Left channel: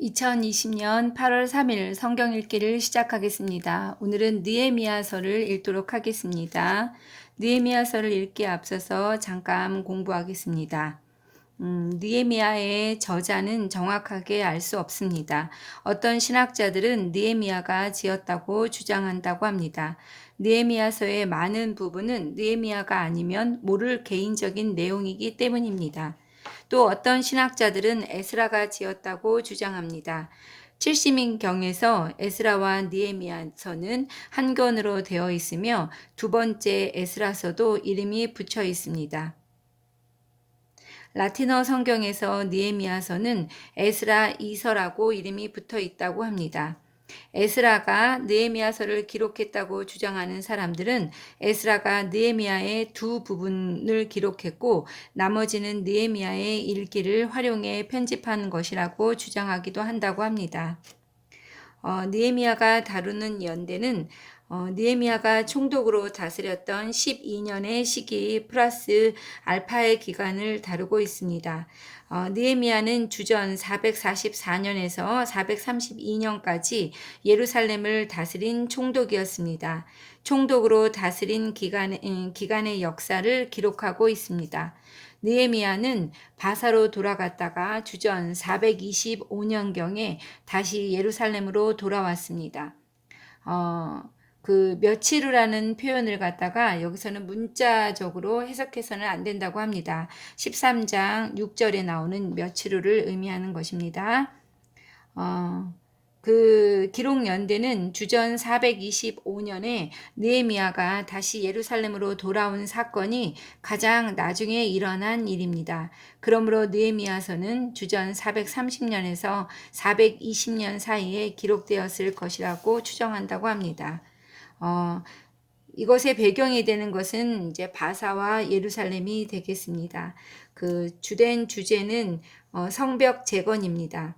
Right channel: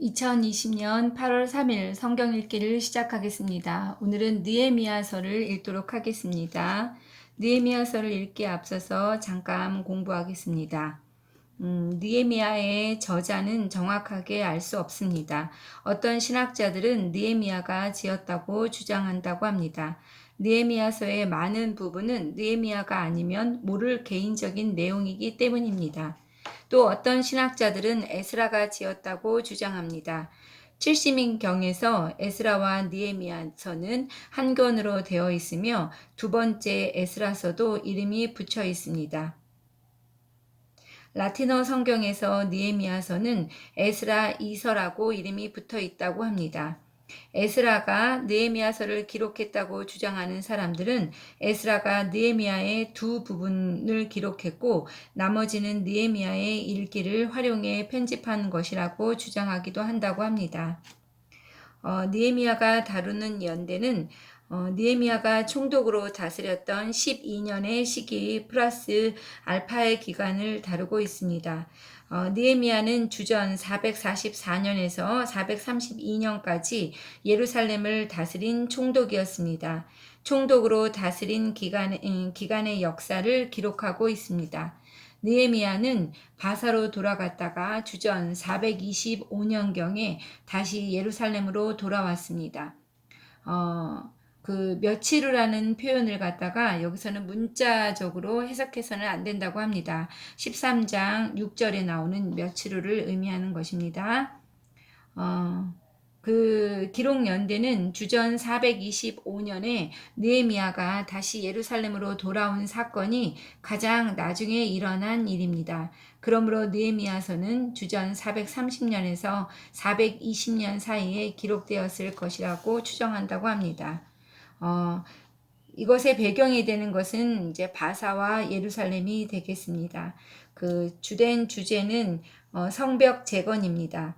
2020년 8월 3일 성경 읽기를 시작하겠습니다. 오늘은 느헤미야서를 읽도록 하겠습니다. 느헤미야서를 읽기에 앞서서 잠깐 공부하겠습니다. 느헤미야의 저자는 정확하게 알 수 없습니다. 어떤 신학자들은 느헤미야가 지었다고 주장한다고 합니다. 느헤미야서의 많은 부분은 느헤미야가 아니면 모를 개인적인 내용이기 때문입니다. 또 어떤 신학자들은 에스라가 지었다고 주장합니다. 70인경에서 에스라와 느헤미야서는 한 권으로 되어 있으며 두 번째 에스라서도 이름이 붙여 있습니다. 라틴어 성경에서 느헤미야서는 에스라 2서라고 이름이 붙어 있다고 합니다. 에스라가 느헤미야서를 기록했다고 주장하는 사람들은 에스라가 느헤미야의 두 부분을 기록했고 나머지는 느헤미야의 일기를 활용해 편집한 것이라고 주장하기도 한다고 합니다. 느헤미야가 다루는 연대는 느헤미야가 총독으로 다스렸던 12년의 시기 플러스 알파의 기간을 다루고 있습니다. 느헤미야는 주전 444년에서 432년까지 예루살렘을 다스린 총독이었습니다. 총독으로 다스린 기간의 역사를 기록하고 있습니다. 느헤미야는 바사로 돌아갔다가 주전 425년경에 다시 예루살렘으로 돌아왔습니다. 그 며칠이라는 표현을 갖다가 여기서는 문자적으로 해석해서는 안 된다고 합니다. 13장 6절에 나오는 며칠을 의미하는 것입니다. 그 기록 연대는 주전 425년에 느헤미야가 다시 예루살렘으로 돌아온 사건이 가장 나중에 일어난 일입니다. 그러므로 느헤미야서는 주전 430년에서 420년 사이에 기록되었을 것이라고 추정한다고 합니다. 이것의 배경이 되는 것은 이제 바사와 예루살렘이 되겠습니다. 그 주된 주제는 성벽 재건입니다.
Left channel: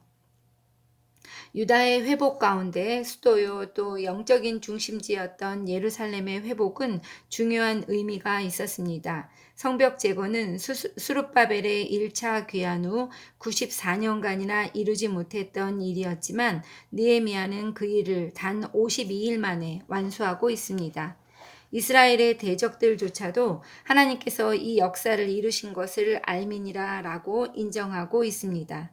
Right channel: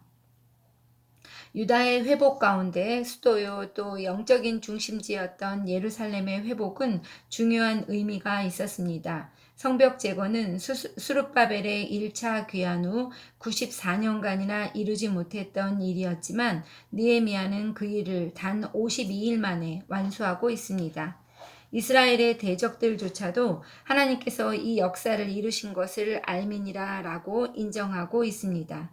유다의 회복 가운데 수도요 또 영적인 중심지였던 예루살렘의 회복은 중요한 의미가 있었습니다. 성벽 재건은 수룹바벨의 1차 귀환 후 94년간이나 이루지 못했던 일이었지만 느헤미야는 그 일을 단 52일 만에 완수하고 있습니다. 이스라엘의 대적들조차도 하나님께서 이 역사를 이루신 것을 알미니라라고 인정하고 있습니다.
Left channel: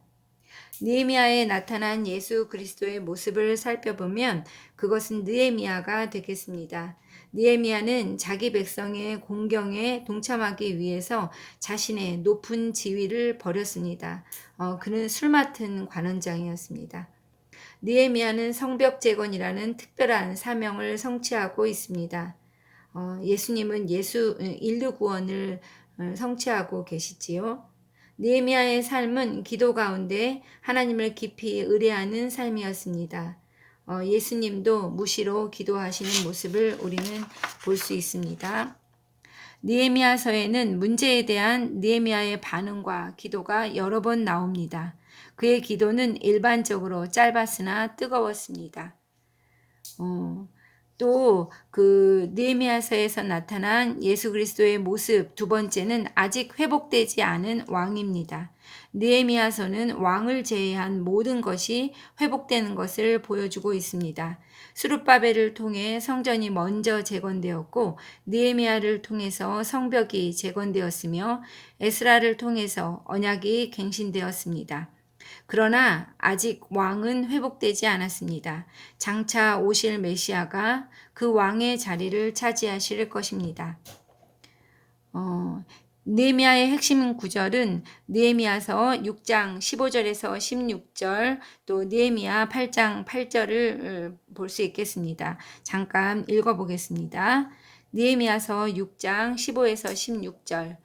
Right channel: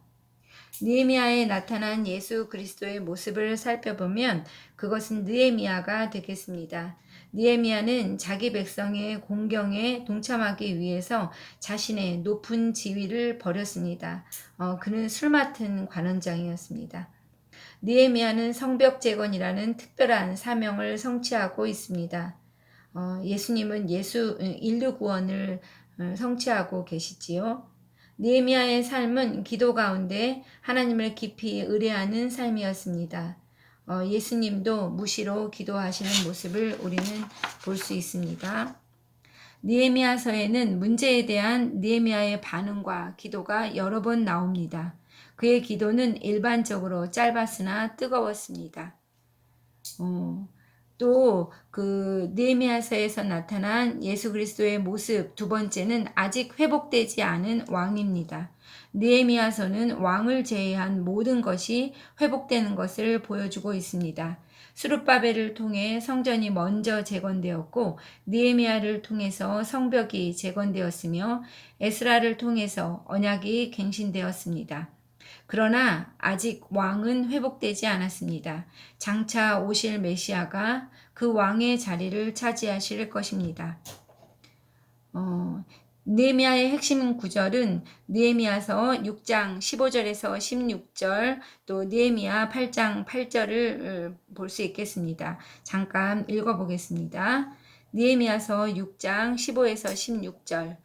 느헤미야에 나타난 예수 그리스도의 모습을 살펴보면 그것은 느헤미야가 되겠습니다. 느헤미야는 자기 백성의 공경에 동참하기 위해서 자신의 높은 지위를 버렸습니다. 그는 술 맡은 관원장이었습니다. 느헤미야는 성벽 재건이라는 특별한 사명을 성취하고 있습니다. 예수님은 인류 구원을 성취하고 계시지요. 느헤미야의 삶은 기도 가운데 하나님을 깊이 의뢰하는 삶이었습니다. 예수님도 무시로 기도하시는 모습을 우리는 볼 수 있습니다. 느헤미야서에는 문제에 대한 느헤미야의 반응과 기도가 여러 번 나옵니다. 그의 기도는 일반적으로 짧았으나 뜨거웠습니다. 또 그 느헤미야서에서 나타난 예수 그리스도의 모습 두 번째는 아직 회복되지 않은 왕입니다. 느헤미야서는 왕을 제외한 모든 것이 회복되는 것을 보여주고 있습니다. 스룹바벨을 통해 성전이 먼저 재건되었고 느헤미야를 통해서 성벽이 재건되었으며 에스라를 통해서 언약이 갱신되었습니다. 그러나 아직 왕은 회복되지 않았습니다. 장차 오실 메시아가 그 왕의 자리를 차지하실 것입니다. 느헤미야의 핵심 구절은 느헤미야서 6장 15절에서 16절 또 느헤미야 8장 8절을 볼 수 있겠습니다. 잠깐 읽어보겠습니다. 느헤미야서 6장 15에서 16절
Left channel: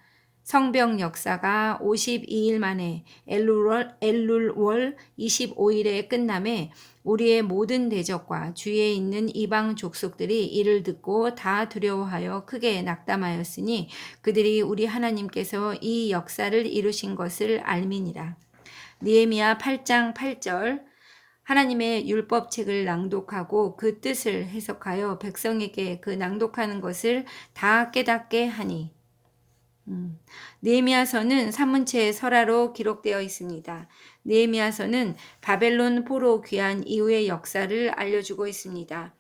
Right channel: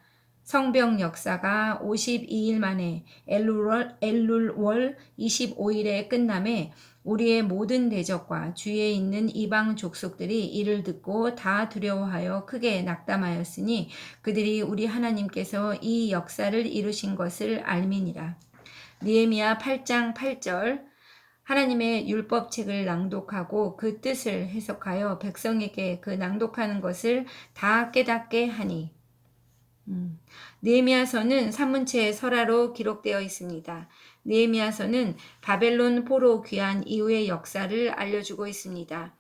성벽 역사가 52일 만에 엘룰월 25일에 끝남에 우리의 모든 대적과 주위에 있는 이방 족속들이 이를 듣고 다 두려워하여 크게 낙담하였으니 그들이 우리 하나님께서 이 역사를 이루신 것을 알미니라. 느헤미야 8장 8절 하나님의 율법책을 낭독하고 그 뜻을 해석하여 백성에게 그 낭독하는 것을 다 깨닫게 하니 느헤미야서는 산문체의 설화로 기록되어 있습니다. 느헤미야서는 바벨론 포로 귀환 이후의 역사를 알려주고 있습니다.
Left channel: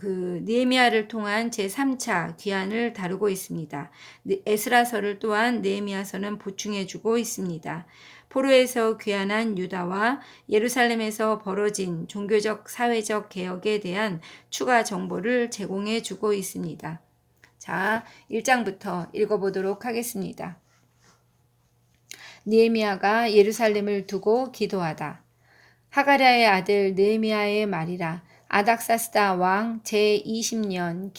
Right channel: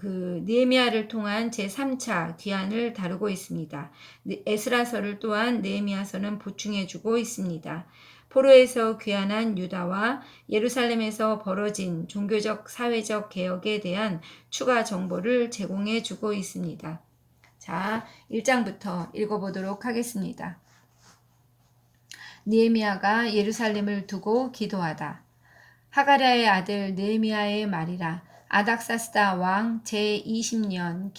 느헤미야를 통한 제3차 귀환을 다루고 있습니다. 에스라서를 또한 느헤미야서는 보충해주고 있습니다. 포로에서 귀환한 유다와 예루살렘에서 벌어진 종교적 사회적 개혁에 대한 추가 정보를 제공해 주고 있습니다. 자, 1장부터 읽어보도록 하겠습니다. 느헤미야가 예루살렘을 두고 기도하다. 하가랴의 아들 느헤미야의 말이라. 아닥사스다 왕 제20년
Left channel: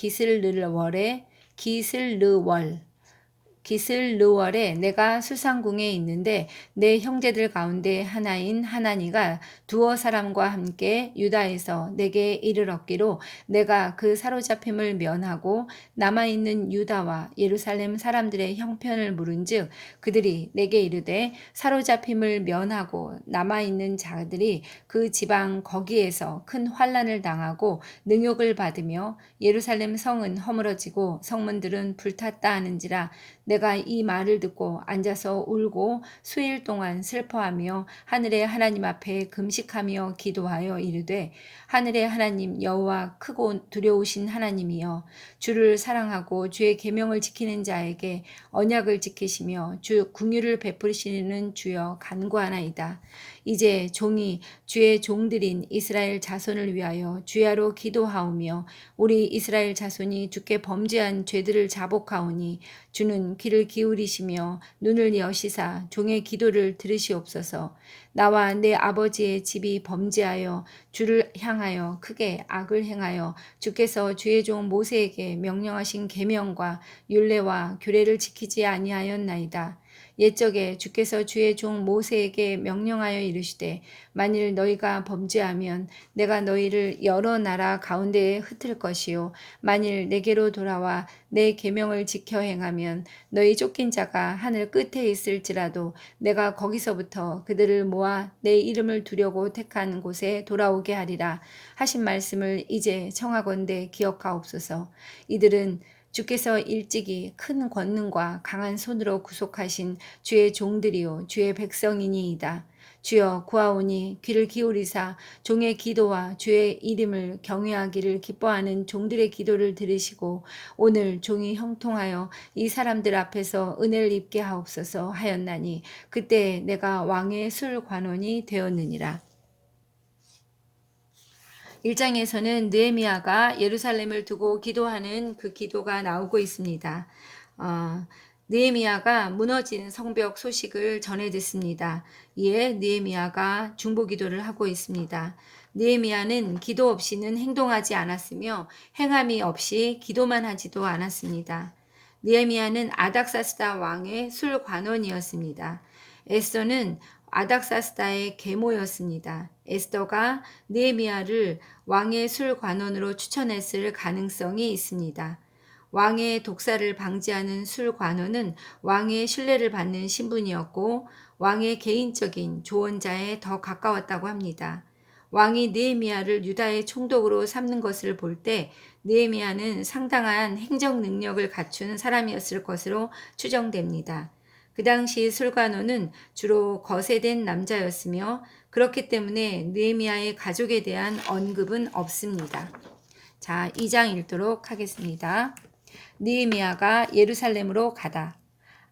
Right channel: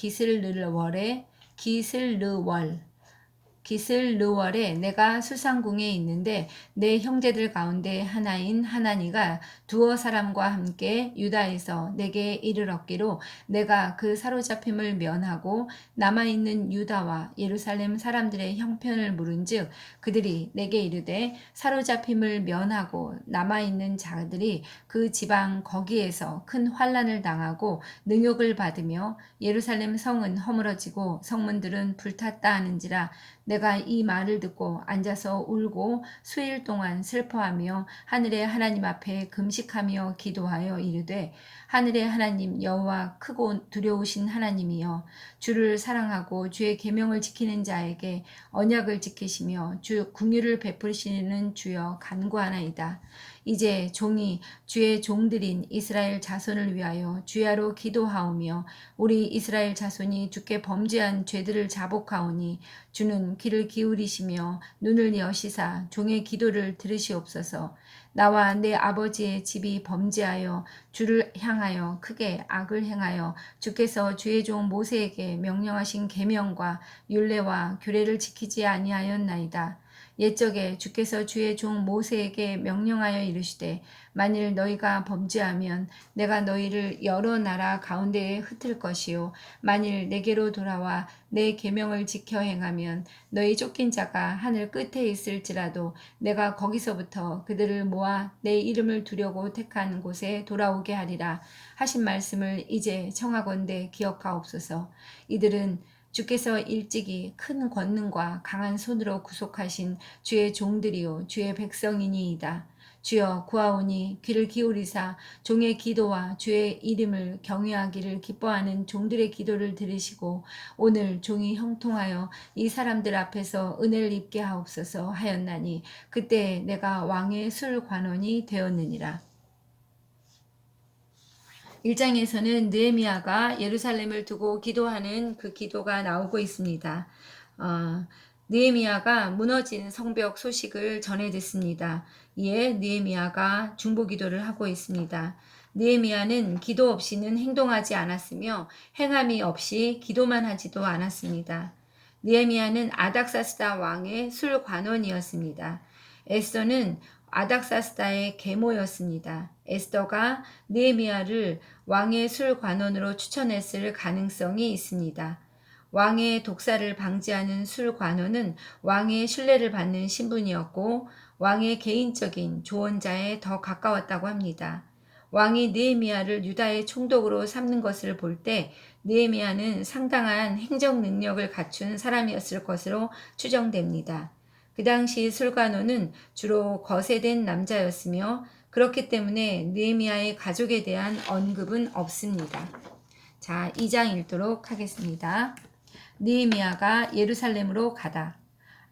기슬르월에 내가 수상궁에 있는데 내 형제들 가운데 하나인 하나니가 두어 사람과 함께 유다에서 내게 이르렀기로 내가 그 사로잡힘을 면하고 남아있는 유다와 예루살렘 사람들의 형편을 물은즉 그들이 내게 이르되 사로잡힘을 면하고 남아있는 자들이 그 지방 거기에서 큰 환난을 당하고 능욕을 받으며 예루살렘 성은 허물어지고 성문들은 불탔다 하는지라 내가 이 말을 듣고 앉아서 울고 수일 동안 슬퍼하며 하늘의 하나님 앞에 금식하며 기도하여 이르되 하늘의 하나님 여호와 크고 두려우신 하나님이여 주를 사랑하고 주의 계명을 지키는 자에게 언약을 지키시며 주 궁유를 베푸시는 주여 간구하나이다. 이제 종이 주의 종들인 이스라엘 자손을 위하여 주야로 기도하오며 우리 이스라엘 자손이 주께 범죄한 죄들을 자복하오니 주는 귀를 기울이시며 눈을 여시사 종의 기도를 들으시옵소서. 나와 내 아버지의 집이 범죄하여 주를 향하여 크게 악을 행하여 주께서 주의 종 모세에게 명령하신 계명과 율례와 규례를 지키지 아니하였나이다. 옛적에 주께서 주의 종 모세에게 명령하여 이르시되 만일 너희가 범죄하면 내가 너희를 여러 나라 가운데에 흩을 것이요 만일 내게로 돌아와 내 계명을 지켜 행하면 너희 쫓긴 자가 하늘 끝에 있을지라도 내가 거기서부터 그들을 모아 내 이름을 두려고 택한 곳에 돌아오게 하리라 하신 말씀을 이제 청하건대 기억하옵소서. 이들은 주께서 일찍이 큰 권능과 강한 손으로 구속하신 주의 종들이요 주의 백성이니이다. 주여 구하오니 귀를 기울이사 종의 기도와 주의 이름을 경외하기를 기뻐하는 종들의 기도를 들으시고 오늘 종이 형통하여 이 사람들 앞에서 은혜를 입게 하옵소서 하였나니 그때 내가 왕의 술 관원이 되었느니라. 1장에서는 느헤미야가 예루살렘을 두고 기도하는 그 기도가 나오고 있습니다. 느헤미야가 무너진 성벽 소식을 전해 듣습니다. 이에 느헤미야가 중보기도를 하고 있습니다. 느헤미야는 기도 없이는 행동하지 않았으며 행함이 없이 기도만 하지도 않았습니다. 느헤미야는 아닥사스다 왕의 술관원이었습니다. 에스더는 아닥사스다의 계모였습니다. 에스더가 느헤미야를 왕의 술관원으로 추천했을 가능성이 있습니다. 왕의 독사를 방지하는 술관원은 왕의 신뢰를 받는 신분이었고 왕의 개인적인 조언자에 더 가까웠다고 합니다. 왕이 느헤미야를 유다의 총독으로 삼는 것을 볼 때 느헤미야는 상당한 행정 능력을 갖춘 사람이었을 것으로 추정됩니다. 그 당시 술관원은 주로 거세된 남자였으며 그렇기 때문에 느헤미야의 가족에 대한 언급은 없습니다. 자, 2장 읽도록 하겠습니다. 느헤미야가 예루살렘으로 가다.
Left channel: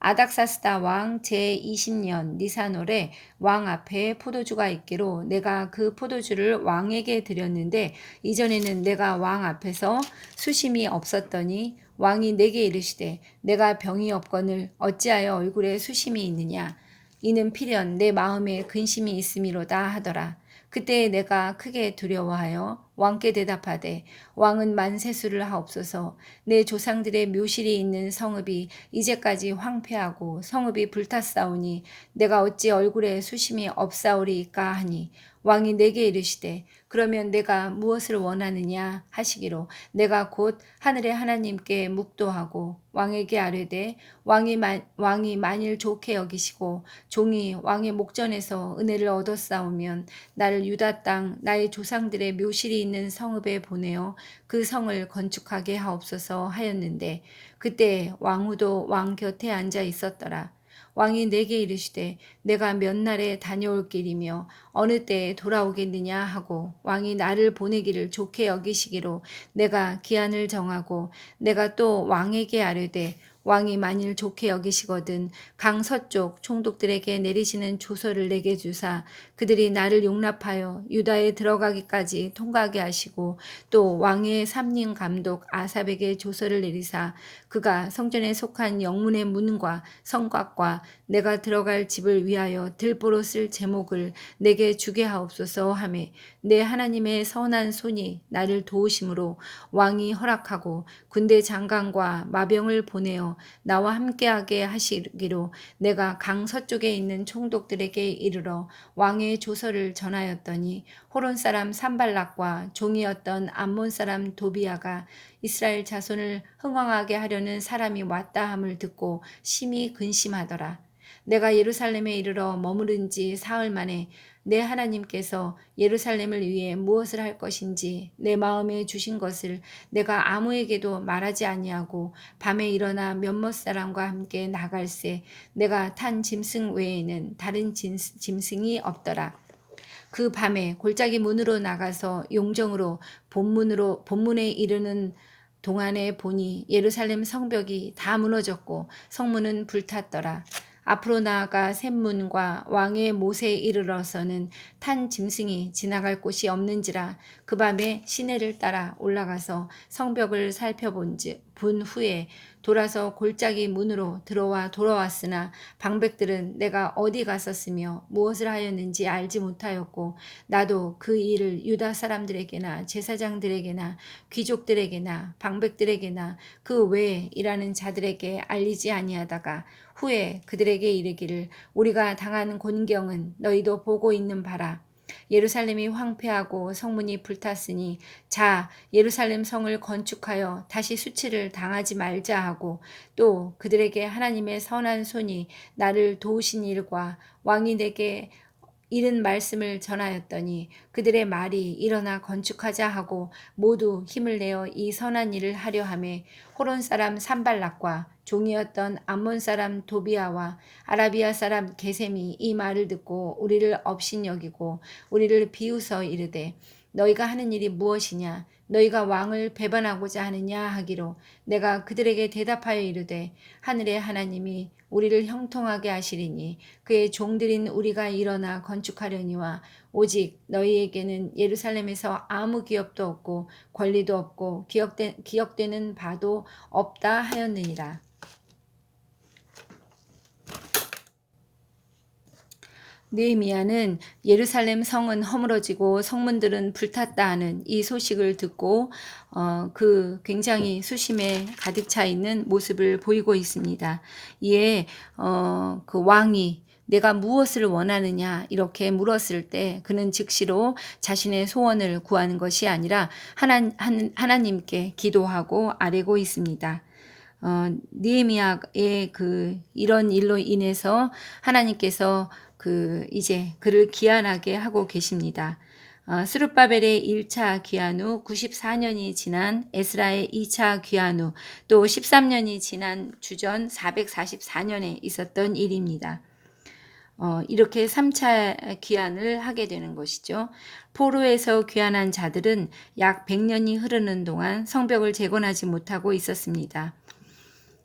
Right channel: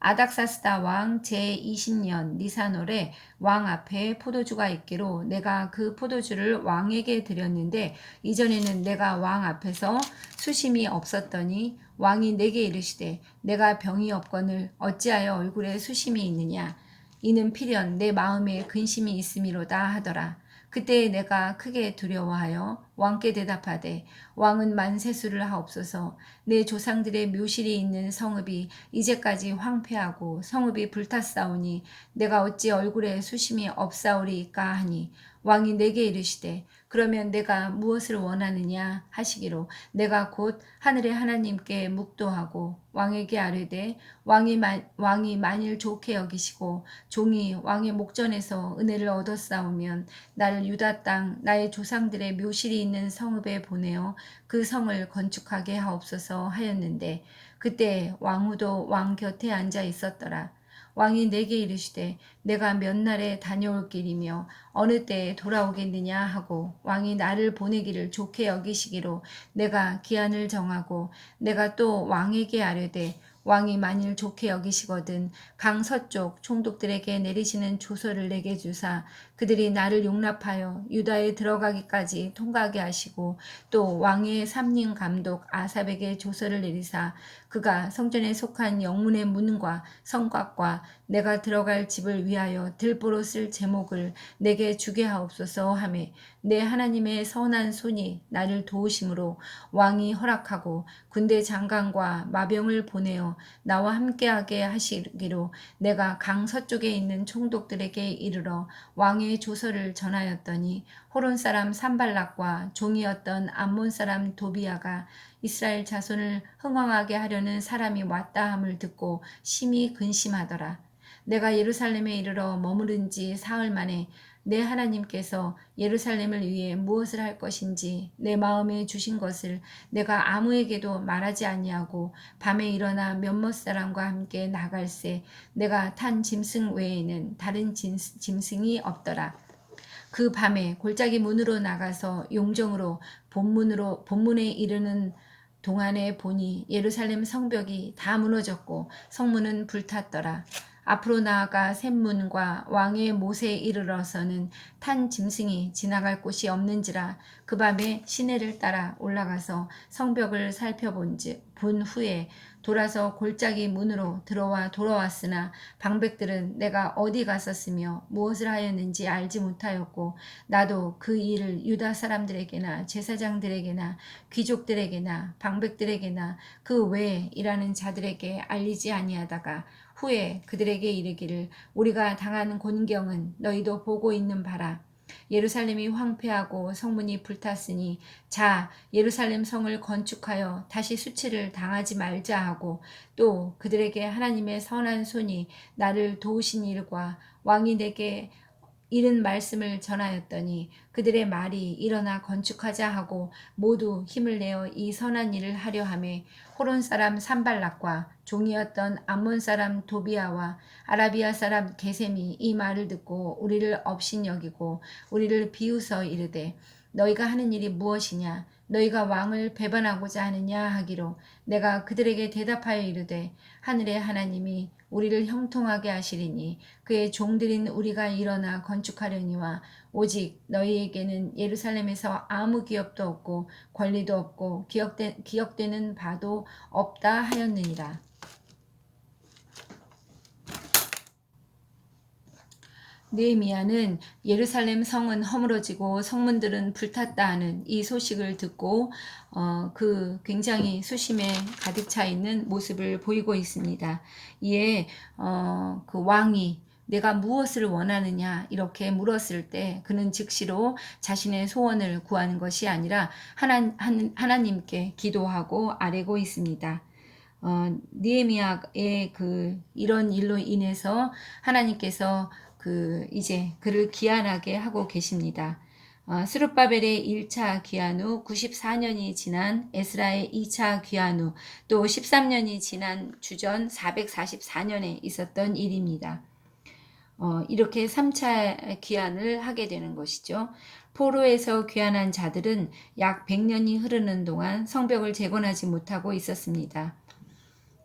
아닥사스다 왕 제20년 니산월에 왕 앞에 포도주가 있기로 내가 그 포도주를 왕에게 드렸는데 이전에는 내가 왕 앞에서 수심이 없었더니 왕이 내게 이르시되 내가 병이 없거늘 어찌하여 얼굴에 수심이 있느냐 이는 필연 내 마음에 근심이 있음이로다 하더라. 그때 내가 크게 두려워하여 왕께 대답하되 왕은 만세수를 하옵소서. 내 조상들의 묘실이 있는 성읍이 이제까지 황폐하고 성읍이 불탔사오니 내가 어찌 얼굴에 수심이 없사오리이까 하니 왕이 내게 이르시되 그러면 내가 무엇을 원하느냐 하시기로 내가 곧 하늘의 하나님께 묵도하고 왕에게 아뢰되 왕이 만일 좋게 여기시고 종이 왕의 목전에서 은혜를 얻었사오면 나를 유다 땅 나의 조상들의 묘실이 있는 성읍에 보내어 그 성을 건축하게 하옵소서 하였는데 그때 왕후도 왕 곁에 앉아 있었더라. 왕이 내게 이르시되 내가 몇 날에 다녀올 길이며 어느 때에 돌아오겠느냐 하고 왕이 나를 보내기를 좋게 여기시기로 내가 기한을 정하고 내가 또 왕에게 아뢰되 왕이 만일 좋게 여기시거든 강 서쪽 총독들에게 내리시는 조서를 내게 주사 그들이 나를 용납하여 유다에 들어가기까지 통과하게 하시고 또 왕의 삼림 감독 아삽에게 조서를 내리사 그가 성전에 속한 영문의 문과 성곽과 내가 들어갈 집을 위하여 들보로 쓸 제목을 내게 주게 하옵소서 하매 내 하나님의 선한 손이 나를 도우심으로 왕이 허락하고 군대 장관과 마병을 보내어 나와 함께하게 하시기로 내가 강 서쪽에 있는 총독들에게 이르러 왕의 조서를 전하였더니 호론 사람 산발락과 종이었던 암몬 사람 도비아가 이스라엘 자손을 흥황하게 하려는 사람이 왔다 함을 듣고 심히 근심하더라. 내가 예루살렘에 이르러 머무른 지 사흘 만에 내 하나님께서 예루살렘을 위해 무엇을 할 것인지 내 마음에 주신 것을 내가 아무에게도 말하지 아니하고 밤에 일어나 몇몇 사람과 함께 나갈새 내가 탄 짐승 외에는 다른 짐승이 없더라. 그 밤에 골짜기 문으로 나가서 용정으로 본문에 이르는 동안에 보니 예루살렘 성벽이 다 무너졌고 성문은 불탔더라. 앞으로 나아가 샘문과 왕의 못에 이르러서는 탄 짐승이 지나갈 곳이 없는지라 그 밤에 시내를 따라 올라가서 성벽을 살펴본 후에 돌아서 골짜기 문으로 돌아왔으나 방백들은 내가 어디 갔었으며 무엇을 하였는지 알지 못하였고 나도 그 일을 유다 사람들에게나 제사장들에게나 귀족들에게나 방백들에게나 그 외에 일하는 자들에게 알리지 아니하다가 후에 그들에게 이르기를 우리가 당한 곤경은 너희도 보고 있는 바라. 예루살렘이 황폐하고 성문이 불탔으니 자 예루살렘 성을 건축하여 다시 수치를 당하지 말자 하고 또 그들에게 하나님의 선한 손이 나를 도우신 일과 왕이 내게 이른 말씀을 전하였더니 그들의 말이 일어나 건축하자 하고 모두 힘을 내어 이 선한 일을 하려 하매 호론 사람 산발락과 종이었던 암몬 사람 도비아와 아라비아 사람 게셈이 이 말을 듣고 우리를 업신여기고 우리를 비웃어 이르되 너희가 하는 일이 무엇이냐 너희가 왕을 배반하고자 하느냐 하기로 내가 그들에게 대답하여 이르되 하늘의 하나님이 우리를 형통하게 하시리니 그의 종들인 우리가 일어나 건축하려니와 오직 너희에게는 예루살렘에서 아무 기업도 없고 권리도 없고 기억되는 바도 없다 하였느니라. 느헤미야는 예루살렘 성은 허물어지고 성문들은 불탔다 하는 이 소식을 듣고 그 굉장히 수심에 가득 차 있는 모습을 보이고 있습니다. 이에 그 왕이 내가 무엇을 원하느냐 이렇게 물었을 때 그는 즉시로 자신의 소원을 구하는 것이 아니라 하나님께 기도하고 아뢰고 있습니다. 느헤미야의 이런 일로 인해서 하나님께서 이제 그를 귀환하게 하고 계십니다. 스룹바벨의 1차 귀환 후 94년이 지난 에스라의 2차 귀환 후 또 13년이 지난 주전 444년에 있었던 일입니다. 이렇게 3차 귀환을 하게 되는 것이죠. 포로에서 귀환한 자들은 약 100년이 흐르는 동안 성벽을 재건하지 못하고 있었습니다.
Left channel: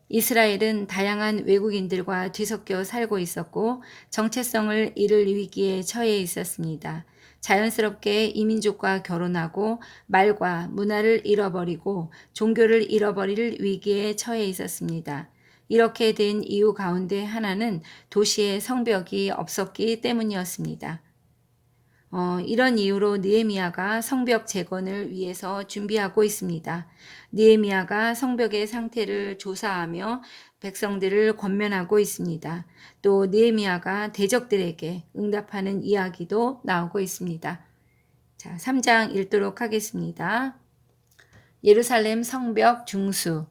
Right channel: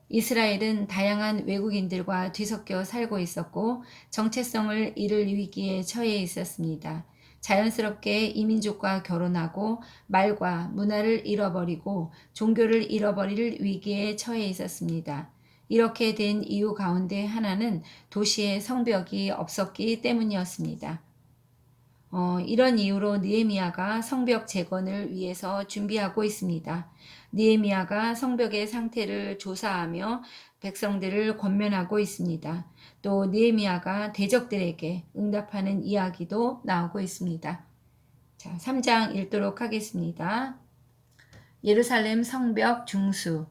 이스라엘은 다양한 외국인들과 뒤섞여 살고 있었고 정체성을 잃을 위기에 처해 있었습니다. 자연스럽게 이민족과 결혼하고 말과 문화를 잃어버리고 종교를 잃어버릴 위기에 처해 있었습니다. 이렇게 된 이유 가운데 하나는 도시에 성벽이 없었기 때문이었습니다. 이런 이유로 느헤미야가 성벽 재건을 위해서 준비하고 있습니다. 느헤미야가 성벽의 상태를 조사하며 백성들을 권면하고 있습니다. 또 느헤미야가 대적들에게 응답하는 이야기도 나오고 있습니다. 자, 3장 읽도록 하겠습니다. 예루살렘 성벽 중수.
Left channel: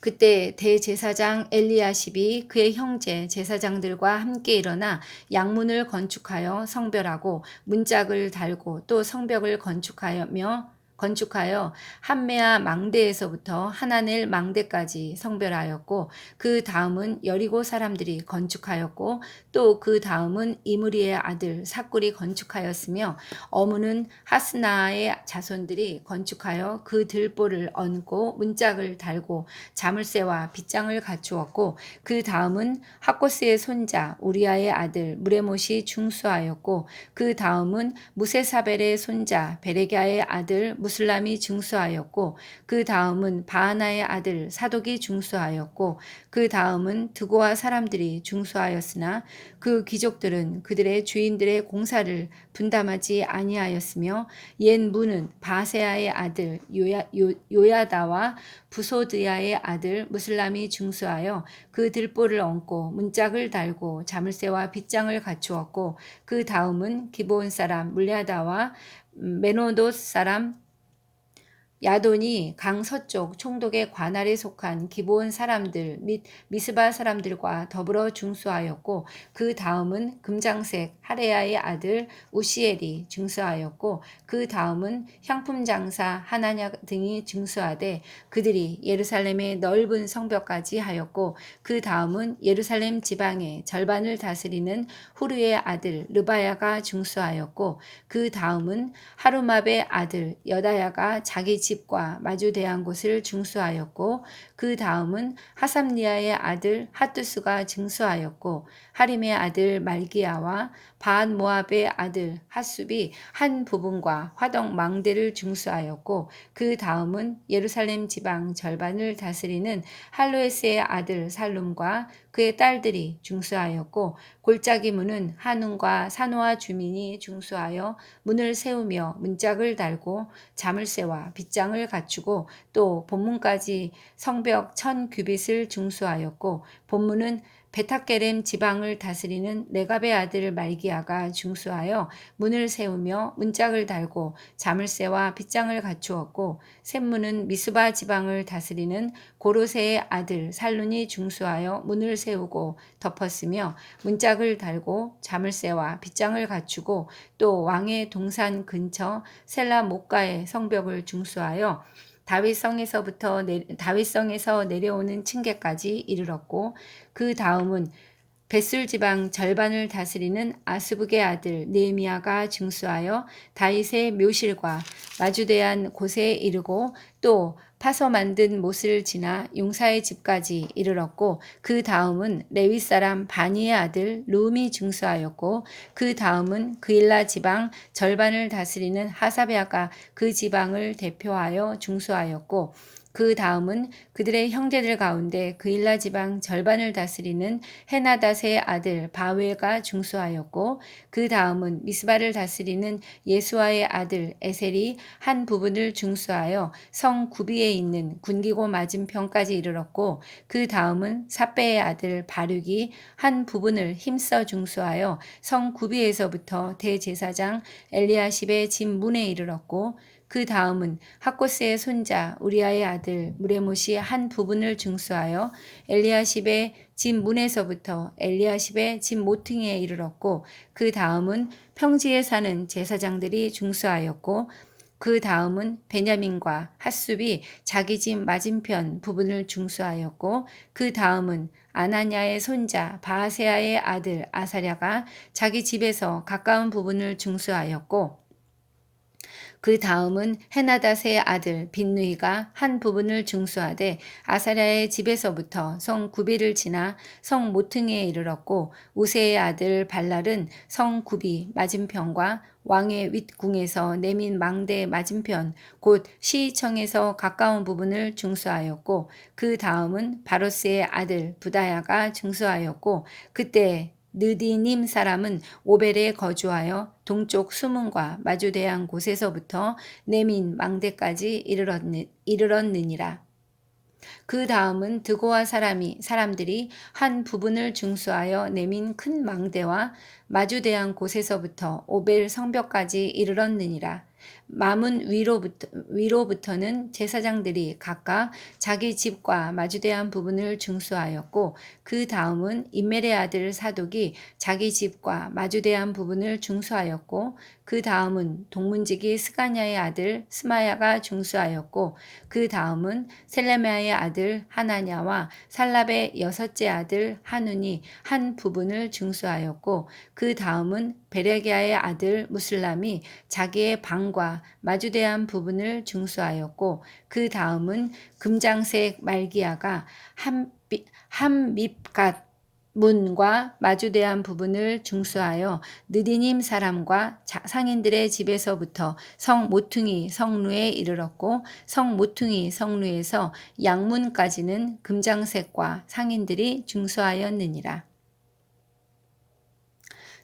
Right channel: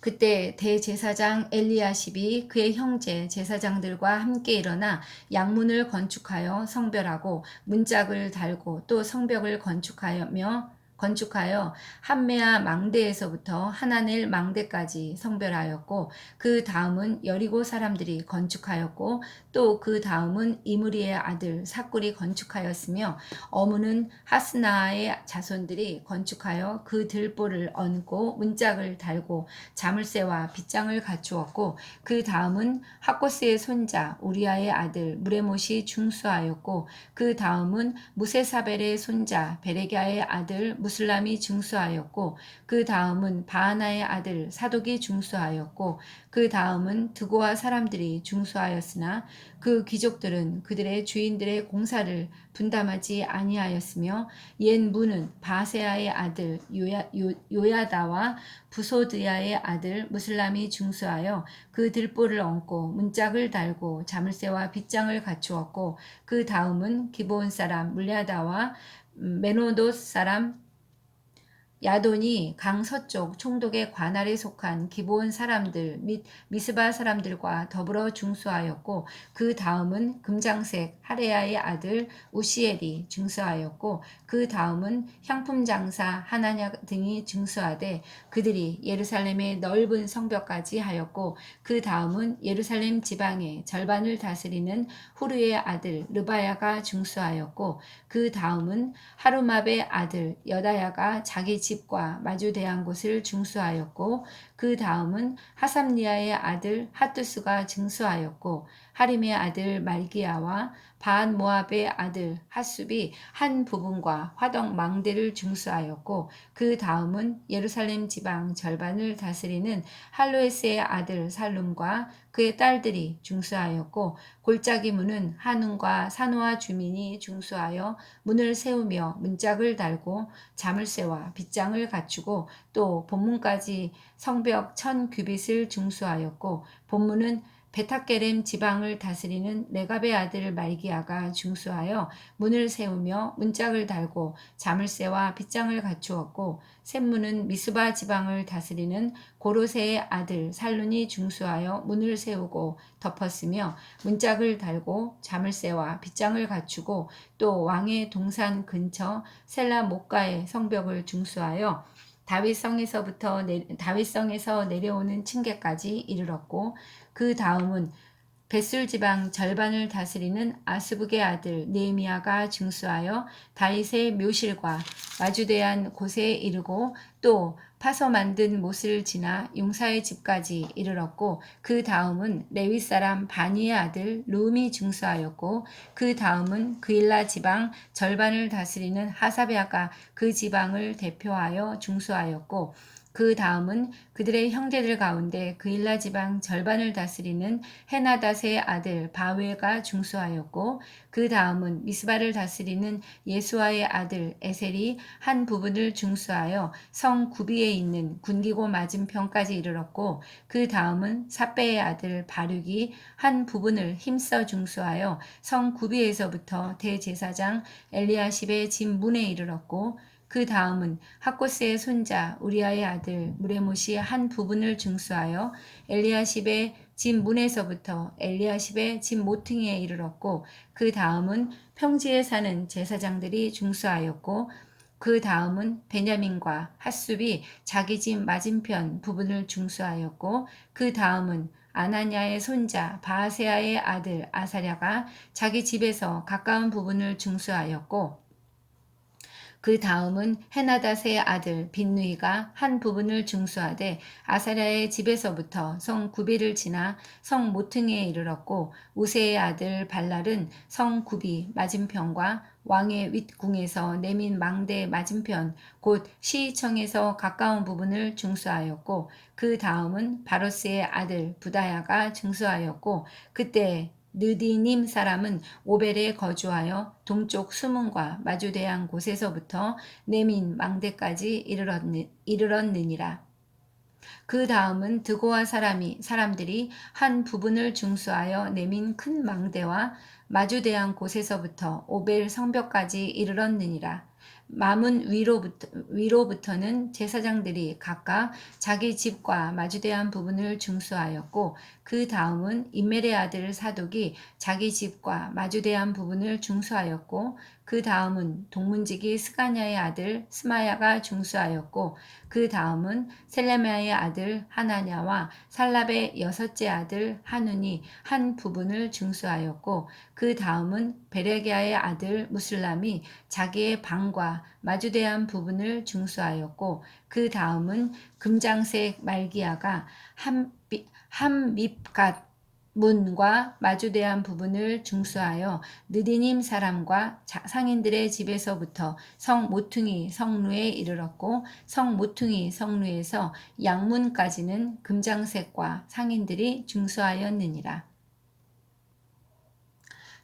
그때 대제사장 엘리야십이 그의 형제 제사장들과 함께 일어나 양문을 건축하여 성별하고 문짝을 달고 또 성벽을 건축하며 건축하여 한메아 망대에서부터 하나넬 망대까지 성별하였고 그 다음은 여리고 사람들이 건축하였고 또 그 다음은 이므리의 아들 삭굴이 건축하였으며 어무는 하스나의 자손들이 건축하여 그 들보를 얹고 문짝을 달고 자물쇠와 빗장을 갖추었고 그 다음은 하코스의 손자 우리아의 아들 무레못이 중수하였고 그 다음은 무세사벨의 손자 베레갸의 아들 무슬람이 중수하였고 그 다음은 바하나의 아들 사독이 중수하였고 그 다음은 드고아 사람들이 중수하였으나 그 귀족들은 그들의 주인들의 공사를 분담하지 아니하였으며 옛 문은 바세아의 아들 요야다와 부소드야의 아들 무슬람이 중수하여 그 들보를 얹고 문짝을 달고 자물쇠와 빗장을 갖추었고 그 다음은 기브온 사람 물야다와 메노돗 사람 야돈이 강 서쪽 총독의 관할에 속한 기브온 사람들 및 미스바 사람들과 더불어 중수하였고 그 다음은 금장색 하레야의 아들 우시엘이 중수하였고 그 다음은 향품 장사 하나냐 등이 중수하되 그들이 예루살렘의 넓은 성벽까지 하였고 그 다음은 예루살렘 지방의 절반을 다스리는 후르의 아들 르바야가 중수하였고 그 다음은 하루맙의 아들 여다야가 자기 집과 마주대한 곳을 중수하였고 그 다음은 하삼리아의 아들 핫두스가 중수하였고 하림의 아들 말기야와 바한 모압의 아들 핫숲이 한 부분과 화덕 망대를 중수하였고 그 다음은 예루살렘 지방 절반을 다스리는 할로에스의 아들 살룸과 그의 딸들이 중수하였고 골짜기 문은 한운과 산호와 주민이 중수하여 문을 세우며 문짝을 달고 자물쇠와 빗장을 갖추고 또 본문까지 성벽 1000규빗을 중수하였고 본문은 베타게렘 지방을 다스리는 레갑의 아들 말기야가 중수하여 문을 세우며 문짝을 달고 자물쇠와 빗장을 갖추었고 샘문은 미스바 지방을 다스리는 고로세의 아들 살룬이 중수하여 문을 세우고 덮었으며 문짝을 달고 자물쇠와 빗장을 갖추고 또 왕의 동산 근처 셀라 목가의 성벽을 중수하여 다윗성에서 내려오는 층계까지 이르렀고 그 다음은 벳술 지방 절반을 다스리는 아스북의 아들 느헤미야가 중수하여 다윗의 묘실과 마주대한 곳에 이르고 또 파서 만든 못을 지나 용사의 집까지 이르렀고 그 다음은 레위 사람 바니의 아들 룸이 중수하였고 그 다음은 그일라 지방 절반을 다스리는 하사베아가 그 지방을 대표하여 중수하였고 그 다음은 그들의 형제들 가운데 그일라 지방 절반을 다스리는 헤나닷의 아들 바웨가 중수하였고 그 다음은 미스바를 다스리는 예수아의 아들 에셀이 한 부분을 중수하여 성 구비에 있는 군기고 맞은편까지 이르렀고 그 다음은 삿배의 아들 바륙이 한 부분을 힘써 중수하여 성 구비에서부터 대제사장 엘리야십의 집 문에 이르렀고 그 다음은 하코스의 손자 우리아의 아들 무레못이 한 부분을 중수하여 엘리야십의 집 문에서부터 엘리야십의 집 모퉁이에 이르렀고 그 다음은 평지에 사는 제사장들이 중수하였고 그 다음은 베냐민과 핫숲이 자기 집 맞은편 부분을 중수하였고 그 다음은 아나냐의 손자 바아세아의 아들 아사랴가 자기 집에서 가까운 부분을 중수하였고 그 다음은 헤나닷의 아들 빈누이가 한 부분을 중수하되 아사랴의 집에서부터 성 구비를 지나 성 모퉁이에 이르렀고 우세의 아들 발랄은 성 구비 맞은편과 왕의 윗궁에서 내민 망대 맞은편 곧 시청에서 가까운 부분을 중수하였고 그 다음은 바로스의 아들 부다야가 중수하였고 그때 느디님 사람은 오벨에 거주하여 동쪽 수문과 마주대한 곳에서부터 내민 망대까지 이르렀느니라. 그 다음은 드고아 사람들이 한 부분을 중수하여 내민 큰 망대와 마주대한 곳에서부터 오벨 성벽까지 이르렀느니라. 마문 위로부터는 제사장들이 각각 자기 집과 마주대한 부분을 중수하였고, 그 다음은 임멜의 아들 사독이 자기 집과 마주대한 부분을 중수하였고, 그 다음은 동문지기 스가냐의 아들 스마야가 중수하였고, 그 다음은 셀레미야의 아들 하나냐와 살랍의 여섯째 아들 하눈이 한 부분을 중수하였고, 그 다음은 베레기야의 아들 무슬람이 자기의 방과 마주대한 부분을 중수하였고, 그 다음은 금장색 말기야가 함밉갓 문과 마주대한 부분을 중수하여 느디님 사람과 상인들의 집에서부터 성 모퉁이 성루에 이르렀고, 성 모퉁이 성루에서 양문까지는 금장색과 상인들이 중수하였느니라.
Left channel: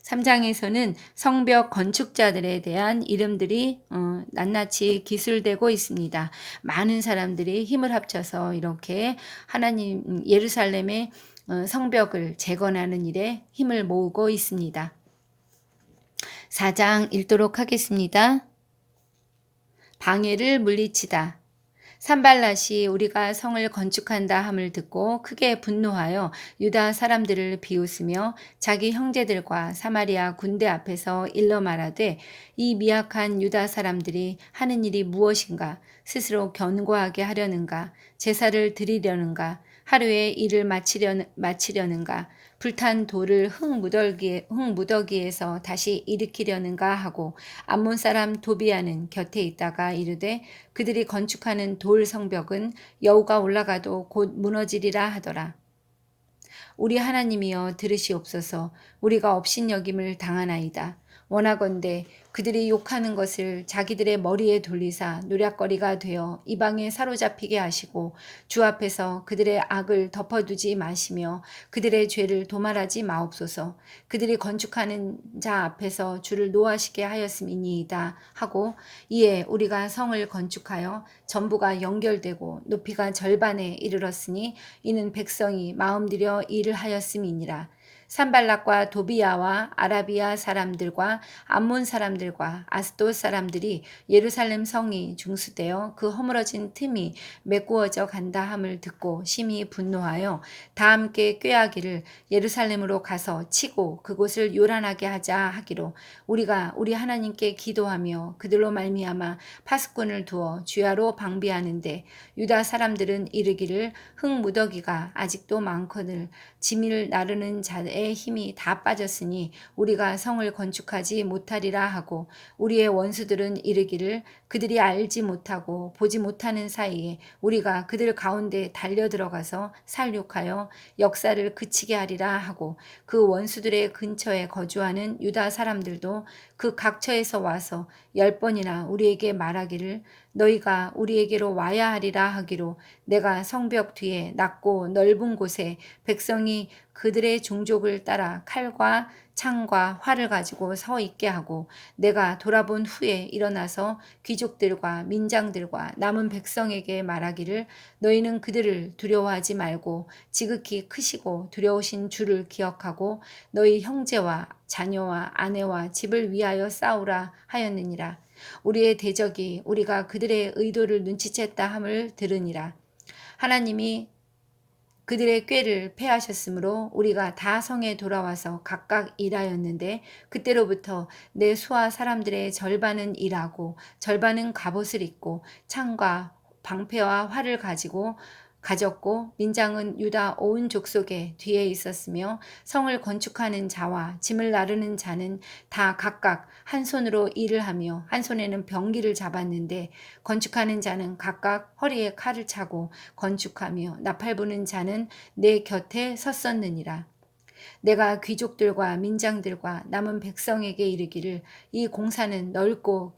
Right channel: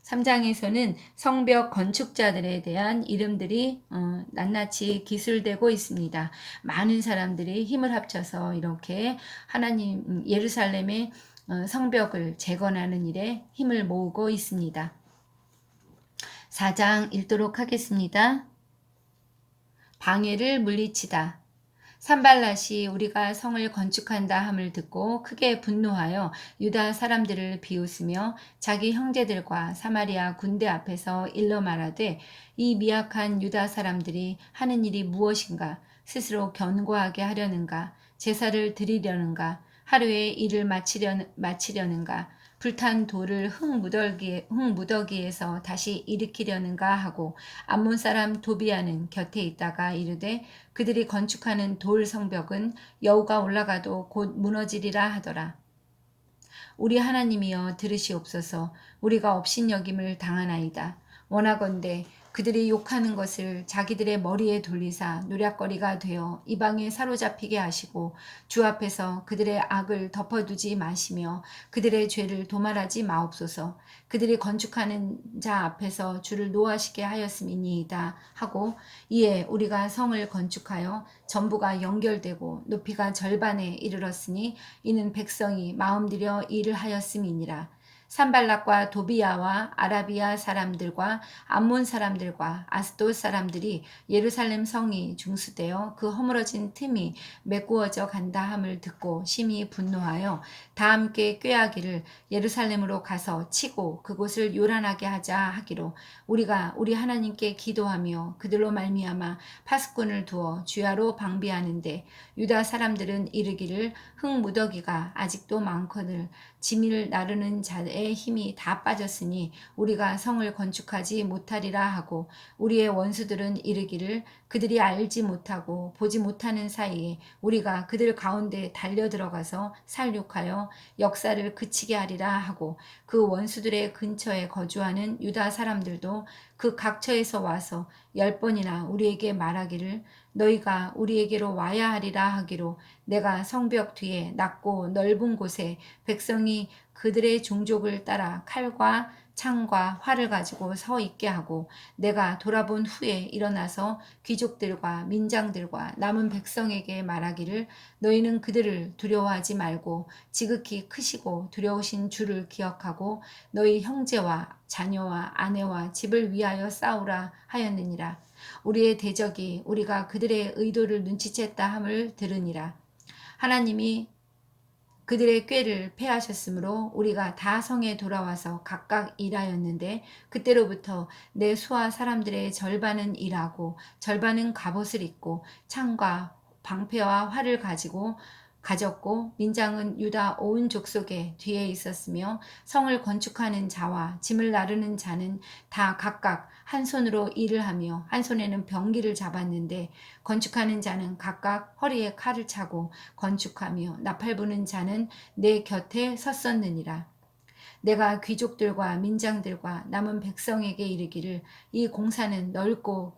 3장에서는 성벽 건축자들에 대한 이름들이 낱낱이 기술되고 있습니다. 많은 사람들이 힘을 합쳐서 이렇게 하나님 예루살렘의 성벽을 재건하는 일에 힘을 모으고 있습니다. 4장 읽도록 하겠습니다. 방해를 물리치다. 산발랏이 우리가 성을 건축한다 함을 듣고 크게 분노하여 유다 사람들을 비웃으며 자기 형제들과 사마리아 군대 앞에서 일러 말하되, 이 미약한 유다 사람들이 하는 일이 무엇인가? 스스로 견고하게 하려는가? 제사를 드리려는가? 하루에 일을 마치려는가? 불탄 돌을 흙무더기에서 다시 일으키려는가 하고, 암몬 사람 도비아는 곁에 있다가 이르되, 그들이 건축하는 돌 성벽은 여우가 올라가도 곧 무너지리라 하더라. 우리 하나님이여 들으시옵소서. 우리가 업신여김을 당하나이다. 원하건대 그들이 욕하는 것을 자기들의 머리에 돌리사 노략거리가 되어 이방에 사로잡히게 하시고, 주 앞에서 그들의 악을 덮어두지 마시며 그들의 죄를 도말하지 마옵소서. 그들이 건축하는 자 앞에서 주를 노하시게 하였음이니이다 하고, 이에 우리가 성을 건축하여 전부가 연결되고 높이가 절반에 이르렀으니 이는 백성이 마음들여 일을 하였음이니라. 산발락과 도비야와 아라비아 사람들과 암몬 사람들과 아스돗 사람들이 예루살렘 성이 중수되어 그 허물어진 틈이 메꾸어져 간다 함을 듣고 심히 분노하여 다 함께 꾀하기를, 예루살렘으로 가서 치고 그곳을 요란하게 하자 하기로, 우리가 우리 하나님께 기도하며 그들로 말미암아 파수꾼을 두어 주야로 방비하는데, 유다 사람들은 이르기를 흙무더기가 아직도 많거늘 짐을 나르는 자의 힘이 다 빠졌으니 우리가 성을 건축하지 못하리라 하고, 우리의 원수들은 이르기를 그들이 알지 못하고 보지 못하는 사이에 우리가 그들 가운데 달려 들어가서 살육하여 역사를 그치게 하리라 하고, 그 원수들의 근처에 거주하는 유다 사람들도 그 각처에서 와서 10번이나 우리에게 말하기를, 너희가 우리에게로 와야 하리라 하기로, 내가 성벽 뒤에 낮고 넓은 곳에 백성이 그들의 종족을 따라 칼과 창과 활을 가지고 서 있게 하고, 내가 돌아본 후에 일어나서 귀족들과 민장들과 남은 백성에게 말하기를, 너희는 그들을 두려워하지 말고 지극히 크시고 두려우신 주를 기억하고 너희 형제와 자녀와 아내와 집을 위하여 싸우라 하였느니라. 우리의 대적이 우리가 그들의 의도를 눈치챘다 함을 들으니라. 하나님이 그들의 꾀를 패하셨으므로 우리가 다 성에 돌아와서 각각 일하였는데, 그때로부터 내 수하 사람들의 절반은 일하고 절반은 갑옷을 입고 창과 방패와 활을 가졌고, 민장은 유다 온 족속의 뒤에 있었으며, 성을 건축하는 자와 짐을 나르는 자는 다 각각 한 손으로 일을 하며 한 손에는 병기를 잡았는데, 건축하는 자는 각각 허리에 칼을 차고 건축하며 나팔 부는 자는 내 곁에 섰었느니라. 내가 귀족들과 민장들과 남은 백성에게 이르기를, 이 공사는 넓고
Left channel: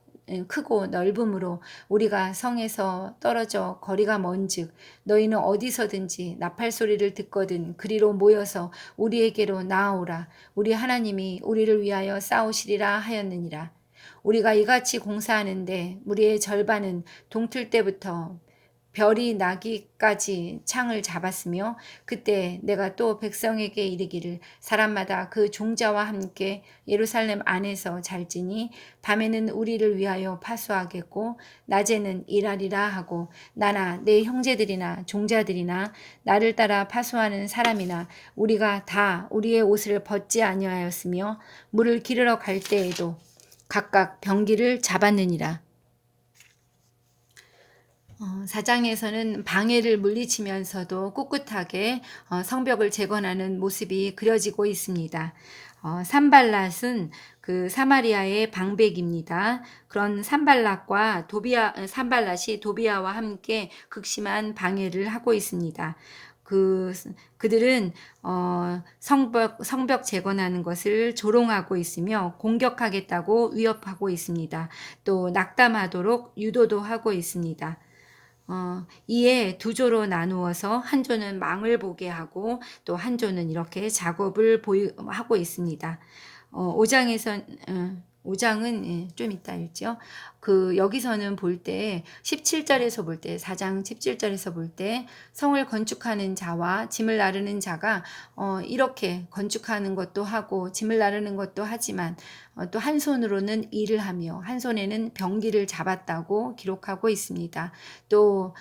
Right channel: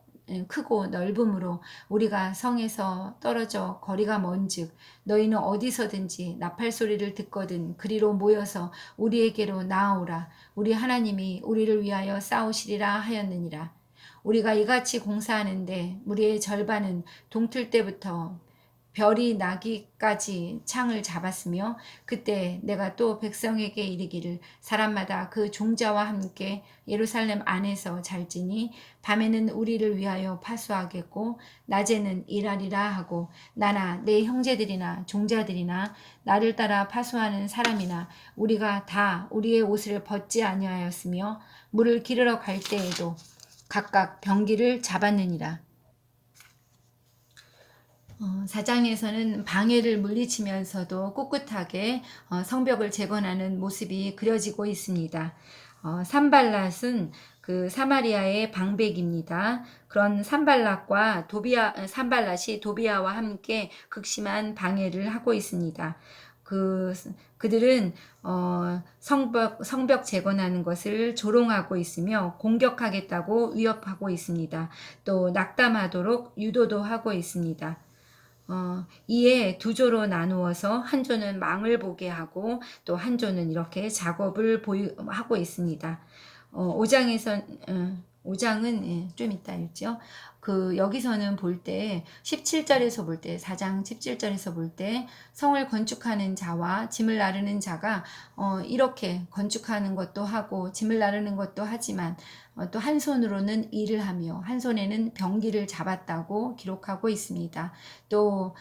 크고 넓음으로 우리가 성에서 떨어져 거리가 먼즉 너희는 어디서든지 나팔 소리를 듣거든 그리로 모여서 우리에게로 나아오라. 우리 하나님이 우리를 위하여 싸우시리라 하였느니라. 우리가 이같이 공사하는데 우리의 절반은 동틀 때부터 별이 나기까지 창을 잡았으며 그때 내가 또 백성에게 이르기를 사람마다 그 종자와 함께 예루살렘 안에서 잘지니 밤에는 우리를 위하여 파수하겠고 낮에는 일하리라 하고 나나 내 형제들이나 종자들이나 나를 따라 파수하는 사람이나 우리가 다 우리의 옷을 벗지 아니하였으며 물을 기르러 갈 때에도 각각 병기를 잡았느니라. 4장에서는 방해를 물리치면서도 꿋꿋하게 성벽을 재건하는 모습이 그려지고 있습니다. 산발랏은 그 사마리아의 방백입니다. 그런 산발랏이 도비아와 함께 극심한 방해를 하고 있습니다. 그들은 성벽 재건하는 것을 조롱하고 있으며 공격하겠다고 위협하고 있습니다. 또 낙담하도록 유도도 하고 있습니다. 이에 두 조로 나누어서 한 조는 망을 보게 하고 또 한 조는 이렇게 작업을 하고 있습니다. 5장은 좀 이따 읽죠. 여기서는 볼 때 17절에서 볼 때 4장 17절에서 볼 때 성을 건축하는 자와 짐을 나르는 자가 이렇게 건축하는 것도 하고 짐을 나르는 것도 하지만 또 한 손으로는 일을 하며 한 손에는 병기를 잡았다고 기록하고 있습니다. 또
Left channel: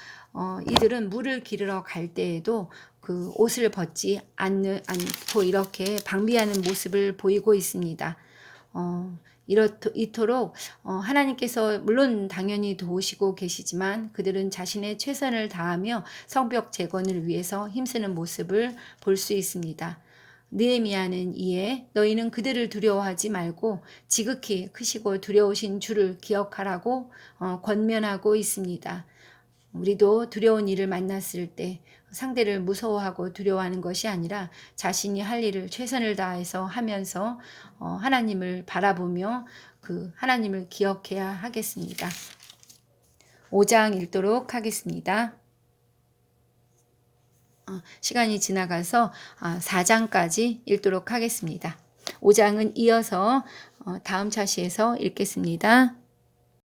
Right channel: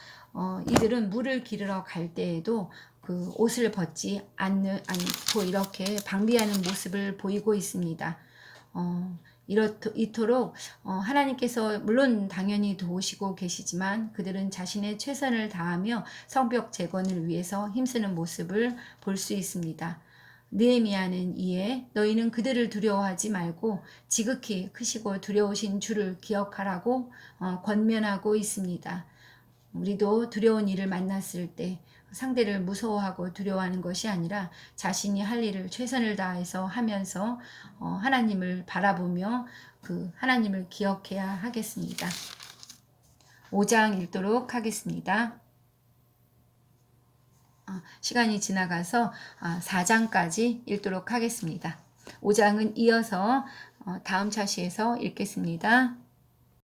이들은 물을 기르러 갈 때에도 그 옷을 벗지 않고 이렇게 방비하는 모습을 보이고 있습니다. 이토록 하나님께서 물론 당연히 도우시고 계시지만 그들은 자신의 최선을 다하며 성벽 재건을 위해서 힘쓰는 모습을 볼 수 있습니다. 느헤미야는 이에 너희는 그들을 두려워하지 말고 지극히 크시고 두려우신 주를 기억하라고 권면하고 있습니다. 우리도 두려운 일을 만났을 때 상대를 무서워하고 두려워하는 것이 아니라 자신이 할 일을 최선을 다해서 하면서 하나님을 바라보며 그 하나님을 기억해야 하겠습니다. 5장 읽도록 하겠습니다. 시간이 지나가서 4장까지 읽도록 하겠습니다. 5장은 이어서 다음 차시에서 읽겠습니다.